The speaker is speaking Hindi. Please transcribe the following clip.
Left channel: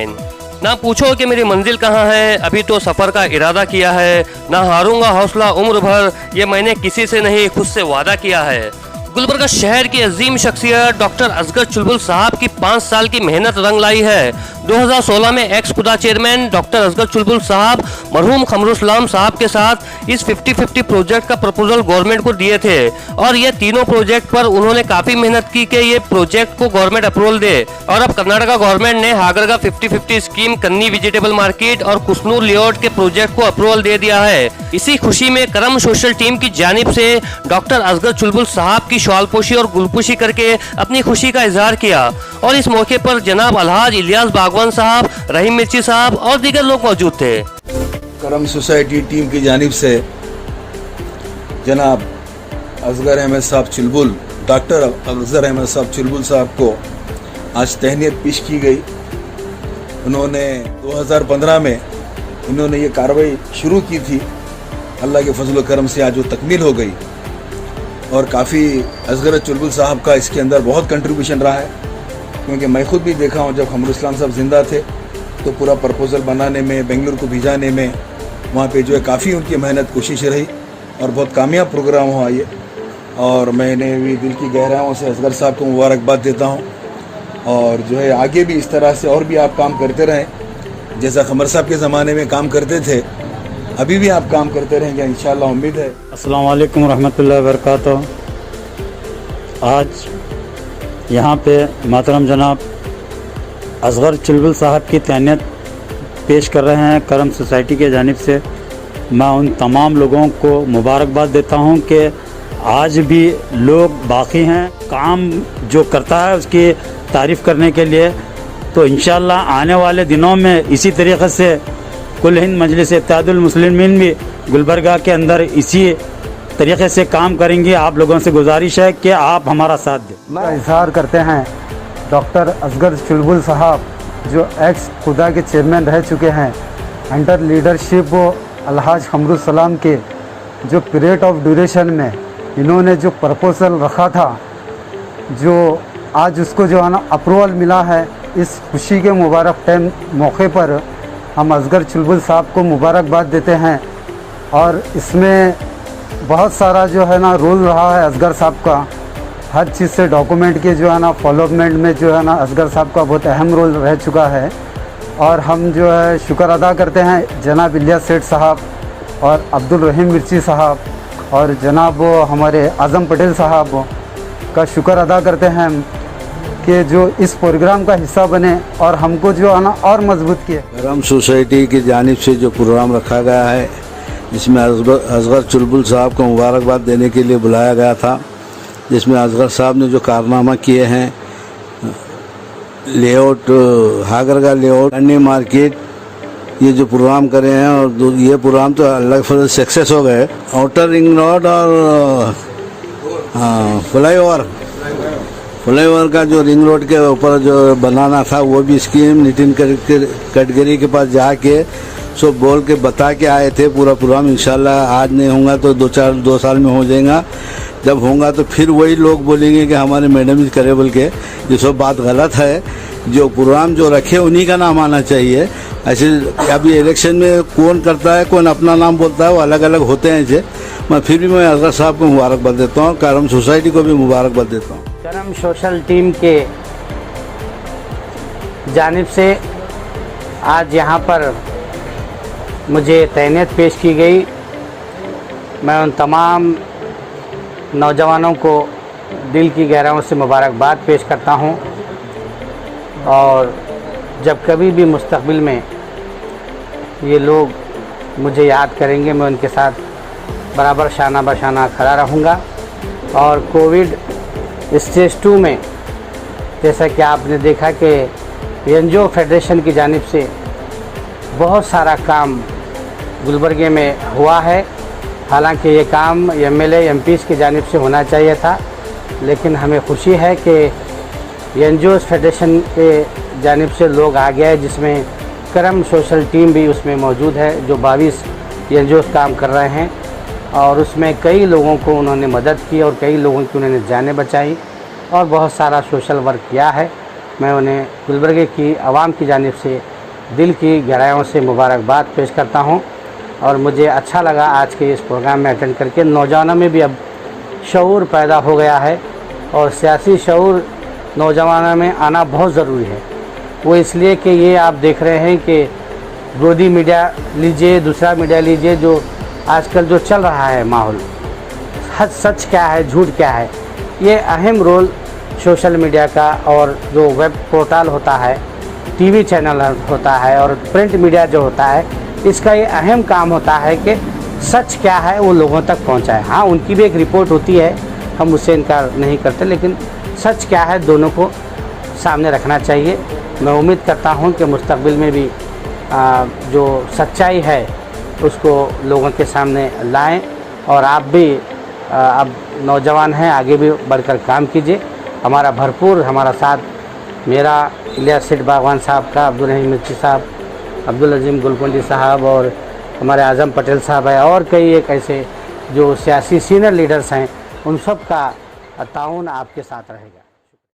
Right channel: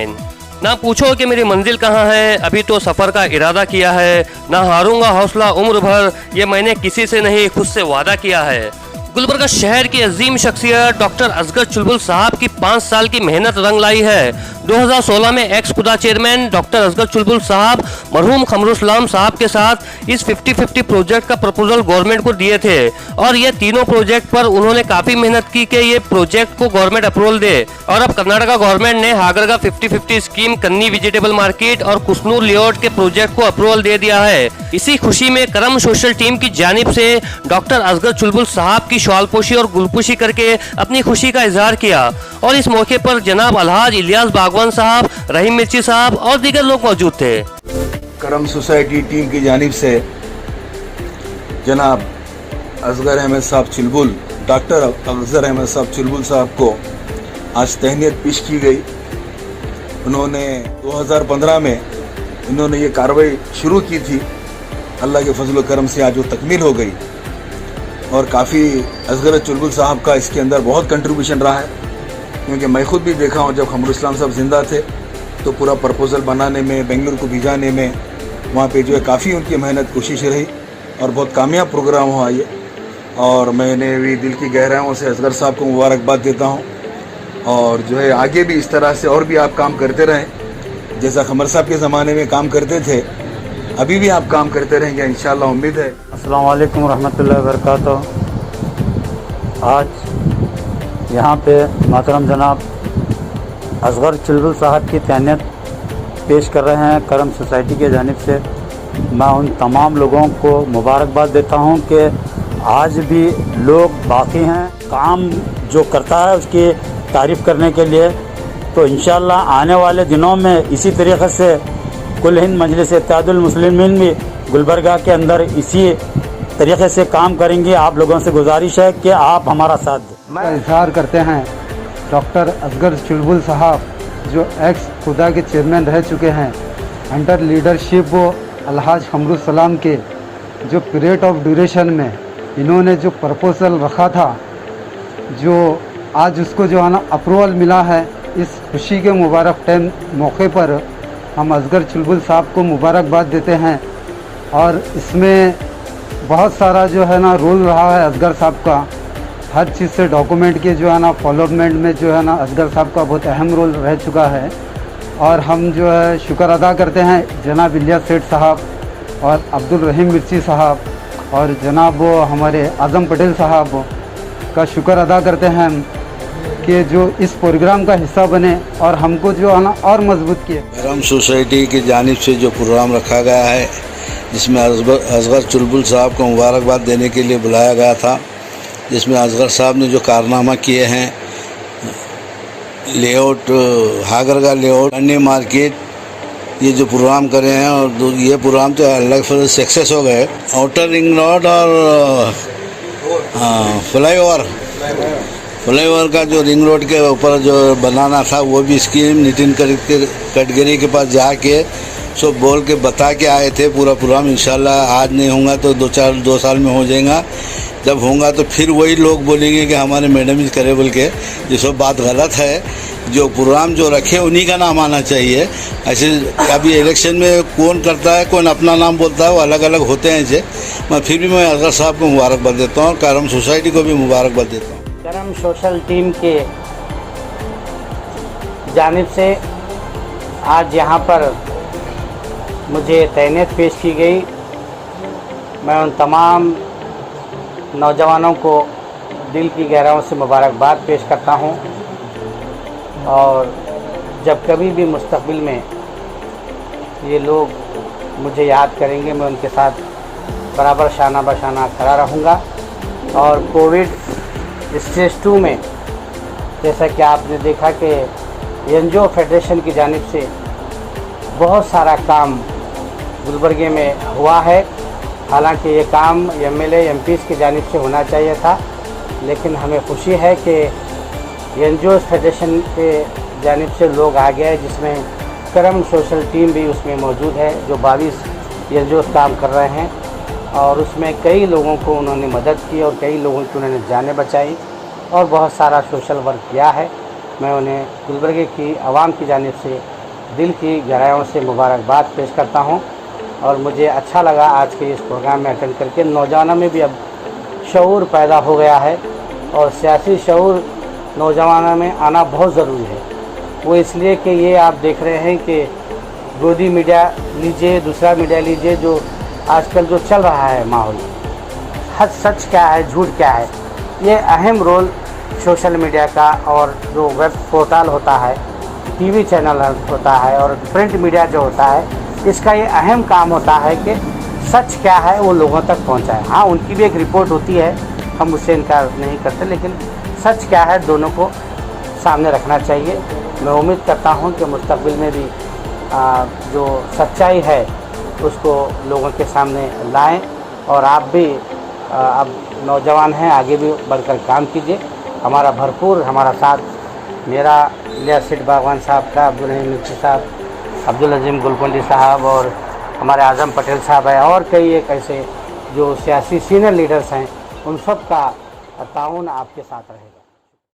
ना पूछो कि मेरी मंजिल कहाँ है, अभी तो सफ़र का इरादा किया है, ना हारूंगा हौसला उम्र भर, ये मैंने किसी से नहीं खुद से वादा किया है। गुलबर्गा शहर की अजीम शख्सियत डॉक्टर असगर चुलबुल साहब की 5 साल की मेहनत रंग लाई है। 2016 में एक्स खुदा चेयरमैन डॉक्टर असगर चुलबुल साहब मरहूम खमरुसलाम साहब के साथ इस 50-50 प्रोजेक्ट का प्रपोजल गवर्नमेंट को दिए थे और ये तीनों प्रोजेक्ट पर उन्होंने काफ़ी मेहनत की कि ये प्रोजेक्ट को गवर्नमेंट अप्रूवल दे। और अब कर्नाटका गवर्नमेंट ने हागरगा 50-50 स्कीम, कन्नी वेजिटेबल मार्केट और कुसनूर लेआउट के प्रोजेक्ट को अप्रूवल दे दिया है। इसी खुशी में करम सोशल टीम की जानिब से डॉक्टर असगर चुलबुल साहब की शॉलपोशी और गुलपोशी करके अपनी खुशी का इजहार किया और इस मौके पर जनाब अलहाज इलियास बागवान साहब, रहीम मिर्ची साहब और दीगर लोग मौजूद थे। करम सोसाइटी टीम की जानिब से जनाब असगर अहमद साहब चुलबुल, डॉक्टर असगर अहमद साहब चुलबुल साहब को आज तहनीत पेश की गई। उन्होंने 2015 में उन्होंने ये कार्रवाई शुरू की थी, अल्लाह के फजल करम से आज वो तकमील हो गई और काफ़ी असगर चुलबुल साहब का इसके अंदर बहुत कंट्रीब्यूशन रहा है, क्योंकि मैं खुद भी देखा हूँ जब खमरुसलाम साहब जिंदा थे तो पूरा प्रपोजल बनाने में, बेंगलुरु को भिजाने में, वहाँ पे जो है काफ़ी उनकी मेहनत कोशिश रही और बहुत कामयाब प्रोग्राम हुआ ये। और मैंने भी दिल की गहराइयों से असगर साहब को मुबारकबाद देता हूँ और जो है आगे भी इस तरह से और भी आप काम करते रहें, जैसा खमर साहब के ज़माने में काम करते थे अभी भी आप काम करते रहेंगे इंशाअल्लाह, उम्मीद है। अस्सलाम वालेकुम रहमतुल्लाहि व बरकातहू। आज यहाँ पे मोहतरम जनाब असगर चुलबुल साहब की तहनीत पेश कर रहे हैं करम सोसाइटी के जानिब से। मैं उन तमाम लोगों को मुबारकबाद देता हूँ कि आज भी लोग बाकी हैं काम जो करता है उसकी तारीफ़ करने के लिए। तो इंशाअल्लाह आने वाले दिनों में इसी तरीक़े से कुल हिंद मजलिस इत्तेहादुल मुस्लिमीन भी गुलबर्गा के अंदर इसी तरीक़े से काम करेंगे। आप लोगों से गुजारिश है कि आप हमारा साथ दें। मैं इजहार करते हैं डॉक्टर असगर चुलबुल साहब जो एक्स खुदा के चेयरमैन रह चुके हैं, अंडर लीडरशिप अलहाज खमरुसलाम के जो पीरियड ऑफ ड्यूरेशन में इन्होंने जो प्रपोजल रखा था, जो आज उसको जो है ना अप्रूवल मिला है, इस खुशी के मुबारक टाइम मौके पर हम असगर चुलबुल साहब को मुबारकबाद देते हैं। और इसमें बहुत सारा जो है ना रोल रहा है असगर साहब का, हर चीज़ से डॉक्यूमेंट के जो है ना फॉलोअपमेंट में जो है ना असगर साहब का बहुत अहम रोल रह चुका है। और हम जो है शुक्र अदा करते हैं जनाब इलियास सेठ साहब और अब्दुल रहीम मिर्ची साहब और जनाब हमारे आज़म पटेल साहब का शुक्र अदा करते हैं कि जो इस प्रोग्राम का हिस्सा बने और हमको जो है ना और मजबूत किए। करम सोसाइटी की जानिब से जो प्रोग्राम रखा गया है जिसमें असगर चुलबुल साहब को मुबारकबाद देने के लिए बुलाया गया था, जिसमें असगर साहब ने जो कारनामा किए हैं, लेआउट हागरगा लेआउट, कन्नी मार्केट, ये जो प्रोग्राम करे हैं और ये प्रोग्राम तो अल्लाह के फजल से सक्सेस हो गए। आउटर रिंग रोड और फ्लाईओवर का जो रिंग रोड के ऊपर जो बनाना था वो भी स्कीम नितिन गडकरी के पास जाके सब बोल के बता के आए थे। पूरा प्रोग्राम इंशाल्लाह आज नहीं होगा तो 2 साल में हो जाएगा। जब होगा तो फिर वही लोग बोलेंगे कि हमारे मैडम इज करे बोल के, ये सब बात गलत है। जो प्रोग्राम जो रखे उन्हीं का नाम आना चाहिए। ऐसे अभी इलेक्शन में कौन करता है, कौन अपना नाम बोलता है, वो अलग अलग होते हैं। ऐसे मैं असगर साहब को मुबारकबाद देता हूँ, करम सोसाइटी को भी मुबारकबाद देता हूँ। करम सोशल टीम के जानिब से आज यहाँ पर मुझे तहनीत पेश की गई। मैं उन तमाम नौजवानों को दिल की गहराइयों से मुबारकबाद पेश करता हूँ और जब कभी भी मुस्तक़बिल में ये लोग मुझे याद करेंगे, मैं उनके साथ बराबर शाना बशाना खड़ा रहूँगा। और कोविड स्टेज 2 में जैसा कि आपने देखा कि एनजीओ फेडरेशन की जानिब से बहुत सारा काम गुलबर्गे में हुआ है। हालांकि ये काम एमएलए एमपीज़ की जानिब से होना चाहिए था, लेकिन हमें खुशी है कि एनजीओ फेडरेशन के जानिब से लोग आ गए, जिसमें करम सोशल टीम भी उसमें मौजूद है, जो 22 एनजीओ काम कर रहे हैं और उसमें कई लोगों को उन्होंने मदद की और कई लोगों की उन्होंने जानें बचाई और बहुत सारा सोशल वर्क किया है। मैं उन्हें गुलबर्गे की आवाम की जानिब से दिल की गहराइयों से मुबारकबाद पेश करता हूँ। और मुझे अच्छा लगा आज के इस प्रोग्राम में अटेंड करके। नौजवानों में भी अब शऊर पैदा हो गया है और सियासी शऊर नौजवानों में आना बहुत ज़रूरी है। वो इसलिए कि ये आप देख रहे हैं कि गोदी मीडिया लीजिए, दूसरा मीडिया लीजिए, जो आजकल जो चल रहा है माहौल, सच क्या है झूठ क्या है, ये अहम रोल सोशल मीडिया का और जो वेब पोर्टल होता है, टीवी चैनल होता है और प्रिंट मीडिया जो होता है, इसका ये अहम काम होता है कि सच क्या है वो लोगों तक पहुंचाए। हाँ, उनकी भी एक रिपोर्ट होती है, हम उससे इनकार नहीं करते, लेकिन सच क्या है दोनों को सामने रखना चाहिए। मैं उम्मीद करता हूं कि मुस्तकबिल में भी जो सच्चाई है उसको लोगों के सामने लाएं। और आप भी अब नौजवान हैं, आगे भी बढ़कर काम कीजिए। हमारा साथ मेरा इलियास सेठ बागवान साहब का, अब्दुल रहीम मिर्ची साहब, अब्दुल अजीम गुलकुंडी साहब और हमारे आज़म पटेल साहब है, और कई एक ऐसे जो सियासी सीनियर लीडर्स हैं, उन सब का ताउन आपके साथ रहेगा।